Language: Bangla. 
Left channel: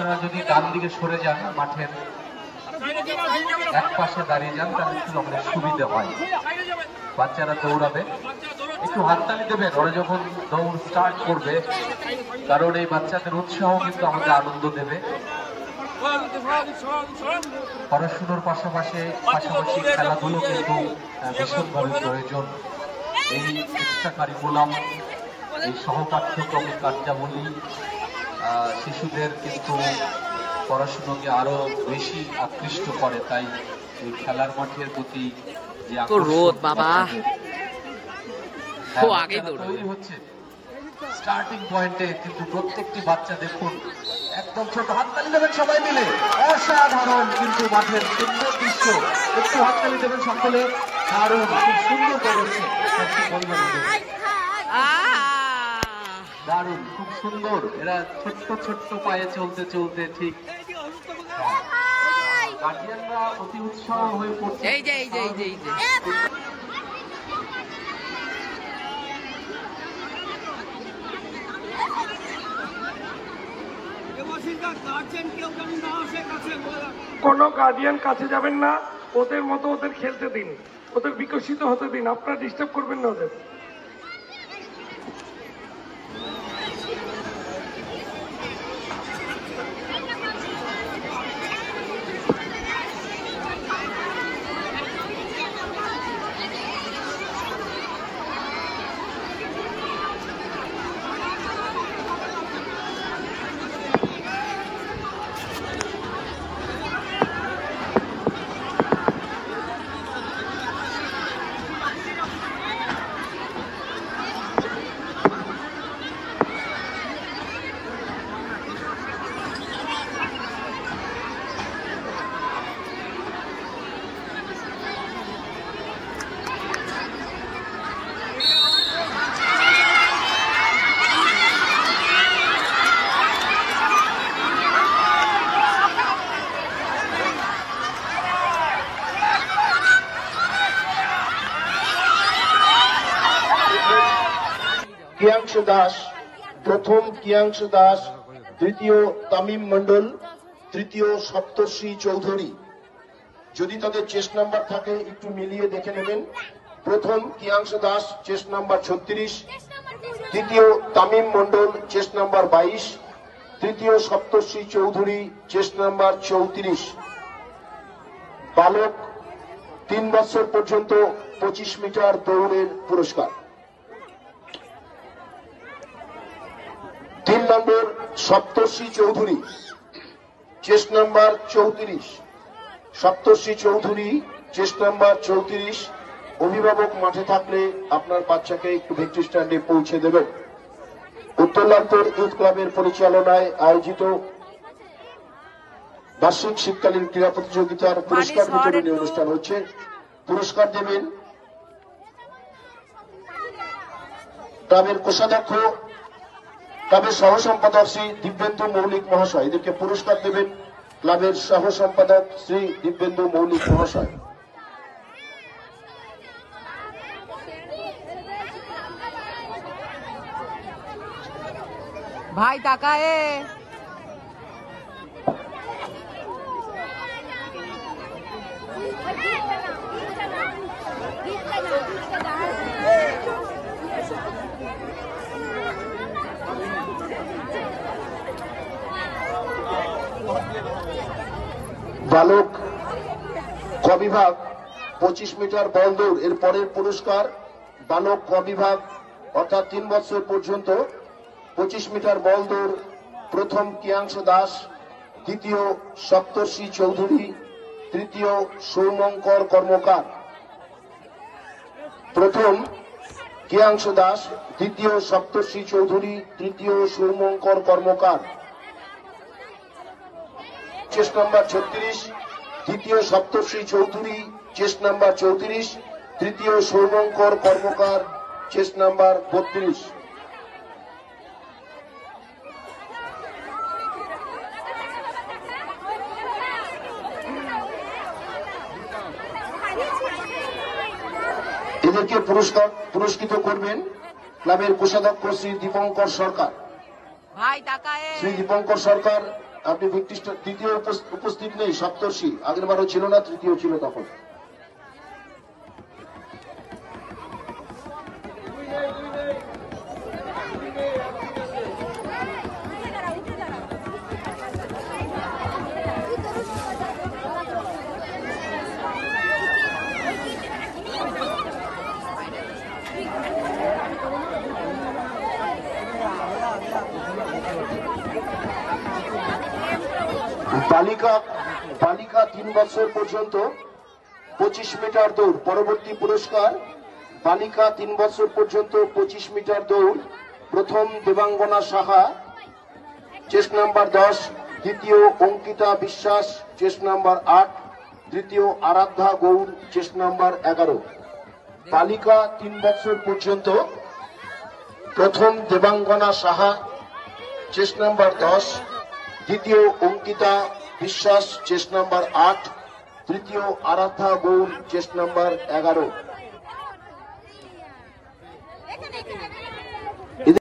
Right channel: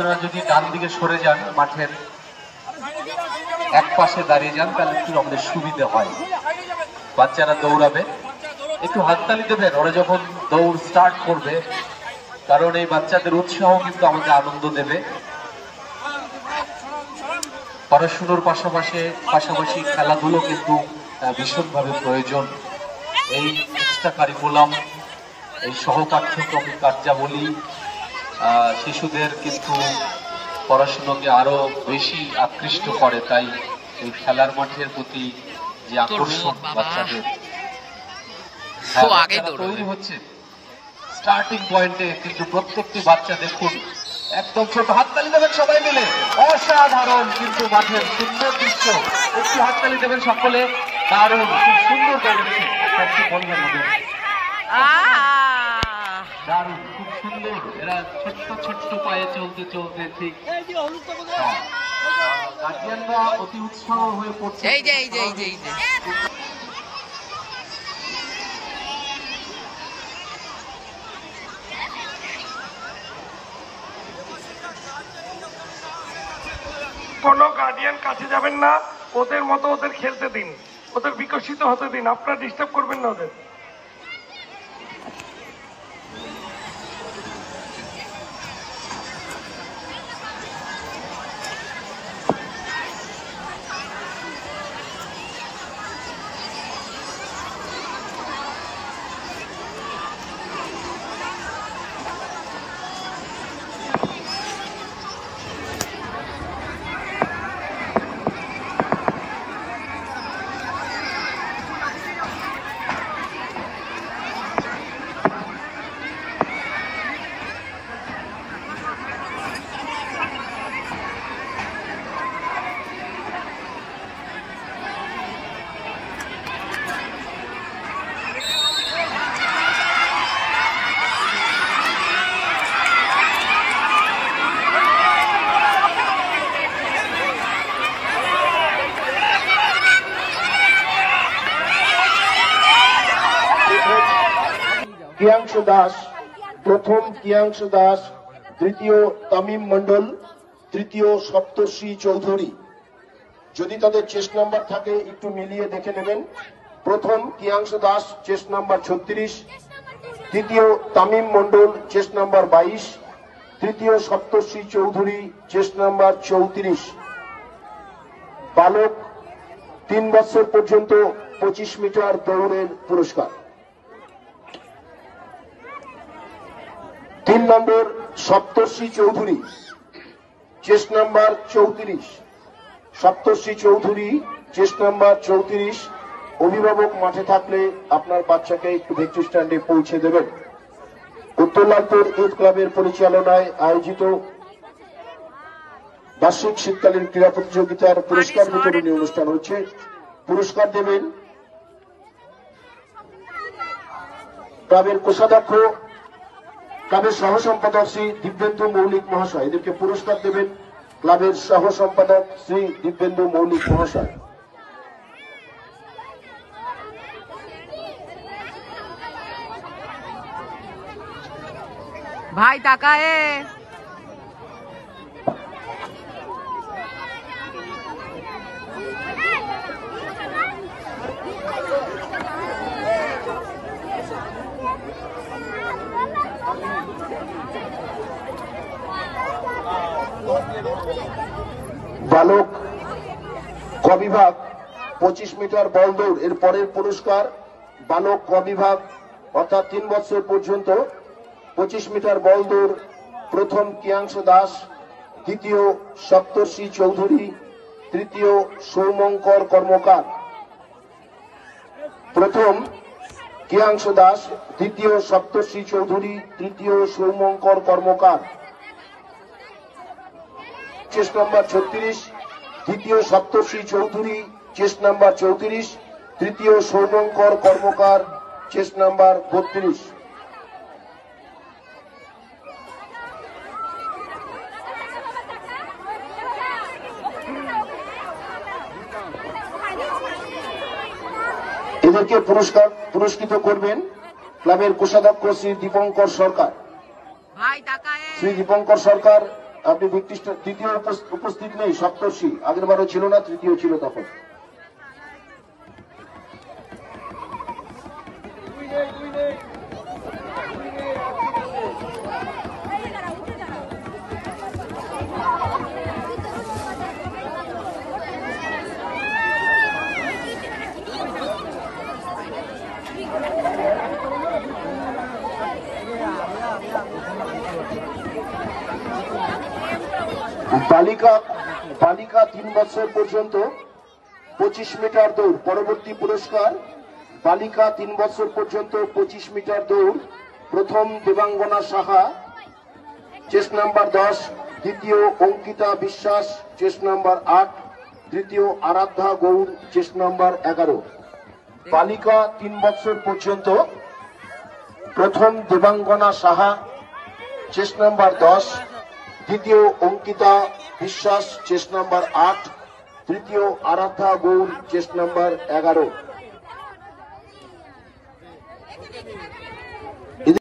আপনারা যদি ডান দিকে সরে যান, মাঠের এক পাশে দাঁড়িয়ে যান, তাহলে একটু আমাদের সুবিধা হয়। বাচ্চারা দৌড়াবে, একটু হাততালি দেবেন ওরা যখন দৌড় স্টার্ট করবে, কারণ এই বাচ্চাদের উৎসাহ কিন্তু আমাদের আনন্দ দেবে। পড়াশুনোর পাশাপাশি খেলাধুলো কিন্তু ভীষণভাবে প্রয়োজন। এই এক্সট্রা কারিকুলাম, এই সহপাঠ্যক্রমিক কার্যাবলী শিশুদের কিন্তু পড়াশুনোকে আরো বেশি আকৃষ্ট করে। তাই এই খেলার মাঠের প্রতি যে তৈরি হচ্ছে স্টার্টিং পয়েন্টে, কিন্তু প্রত্যেকটি বাচ্চা দেখুন একদম ছোট। হাততালি দেবেন সবাই মিলে, অসাধারণ কিন্তু মাঠের সুন্দর দৃশ্য। একটু হাততালি দেবেন সকলে, দারুণ, খুব সুন্দর করেছে, দারুণ, খুব সুন্দর। এরা ছোট্ট ছোট্ট পায়ে চলতে চলতে ঠিক গার্জিয়ানরা অতি উৎসাহ হয়ে পড়ছে। এই যে কোনো গার্ডিয়ান কাছে যাবেন না, ওদের মতো ওদের খেলতে দিন, ওদের বিকশিত হতে দিন, আপনারা ডিস্টার্ব করবেন না ওদের। কিয়াংশু দাস প্রথম, কিয়াংশু দাস দ্বিতীয়, তামিম মন্ডল তৃতীয়, সপ্তর্ষি চৌধুরী। যদি তাদের চেস্ট নাম্বার থাকে একটু মিলিয়ে দেখে নেবেন। প্রথম কিয়াংশু দাস চেস্ট নাম্বার 36, দ্বিতীয় তামিম মন্ডল চেস্ট নাম্বার 22, তৃতীয় সপ্তর্ষি চৌধুরী চেস্ট নাম্বার 34। বালক 3 বছর পর্যন্ত 25 মিটার দৌড়ের পুরস্কার। 3 নম্বর সপ্তর্ষি চৌধুরী চেস্ট নাম্বার 34, সপ্তর্ষি চৌধুরী চেস্ট নাম্বার 34। অভিভাবক মাঠে থাকলে আপনার বাচ্চাকে একটু ভিক্টরি স্ট্যান্ডে পৌঁছে দেবেন। উত্তরলালপুর ইউথ ক্লাবের পরিচালনায় আয়োজিত বার্ষিক শীতকালীন ক্রীড়া প্রতিযোগিতার পুরস্কার বিতরণী অনুষ্ঠান হচ্ছে। পুরস্কার দেবেন ক্লাবের কোষাধ্যক্ষ, ক্লাবের সহ সম্পাদক শ্রী দিব্যেন্দু মৌলিক মহাশয়। এদেরকে পুরস্কার দেবেন ক্লাবের সহ সম্পাদক শ্রী দিব্যেন্দু মৌলিক মহাশয়। ভাই তাকায়ে বালক ক বিভাগ 25 মিটার বল দৌড় এর পরের পুরস্কার। বালক ক বিভাগ অর্থাৎ 3 বছর পর্যন্ত 25 মিটার বল দৌড়। প্রথম কিয়াংশু দাস, দ্বিতীয় সপ্তর্ষি চৌধুরী, তৃতীয় সৌমঙ্কর কর্মকার। প্রথম কিয়াংশু দাস, দ্বিতীয় সপ্তর্ষি চৌধুরী, তৃতীয় সৌমঙ্কর কর্মকার। চেস্ট নাম্বার 36, দ্বিতীয় সপ্তর্ষি চৌধুরী চেস্ট নাম্বার 34, তৃতীয় সৌমঙ্কর কর্মকার চেস্ট নাম্বার 32। এদেরকে পুরস্কৃত করবেন ক্লাবের কোষাধ্যক্ষ শ্রী দীপঙ্কর সরকার। শ্রী দীপঙ্কর সরকার আপনি তৃতীয় উপস্থিত নেই, সপ্তর্ষি আগেরবারও ছিল না, তৃতীয় ছিল তখন। বালিকা 3 বছর পর্যন্ত 25 মিটার দৌড়। পরবর্তী পুরস্কার বালিকা 3 বছর পর্যন্ত 25 মিটার দৌড়। প্রথম দেবাঙ্গনা সাহা, চেস্ট নাম্বার 10, দ্বিতীয় অঙ্কিতা বিশ্বাস, চেস্ট নাম্বার 8, তৃতীয় আরাধ্যা গৌর, চেস্ট নাম্বার 11। বালিকা 3 বছর পর্যন্ত প্রথম দেবাঙ্গনা সাহা, চেস্ট নাম্বার 10, দ্বিতীয় অঙ্কিতা বিশ্বাস, চেস্ট নাম্বার 8, তৃতীয় আরাধ্যা গৌর, চেস্ট নাম্বার 11।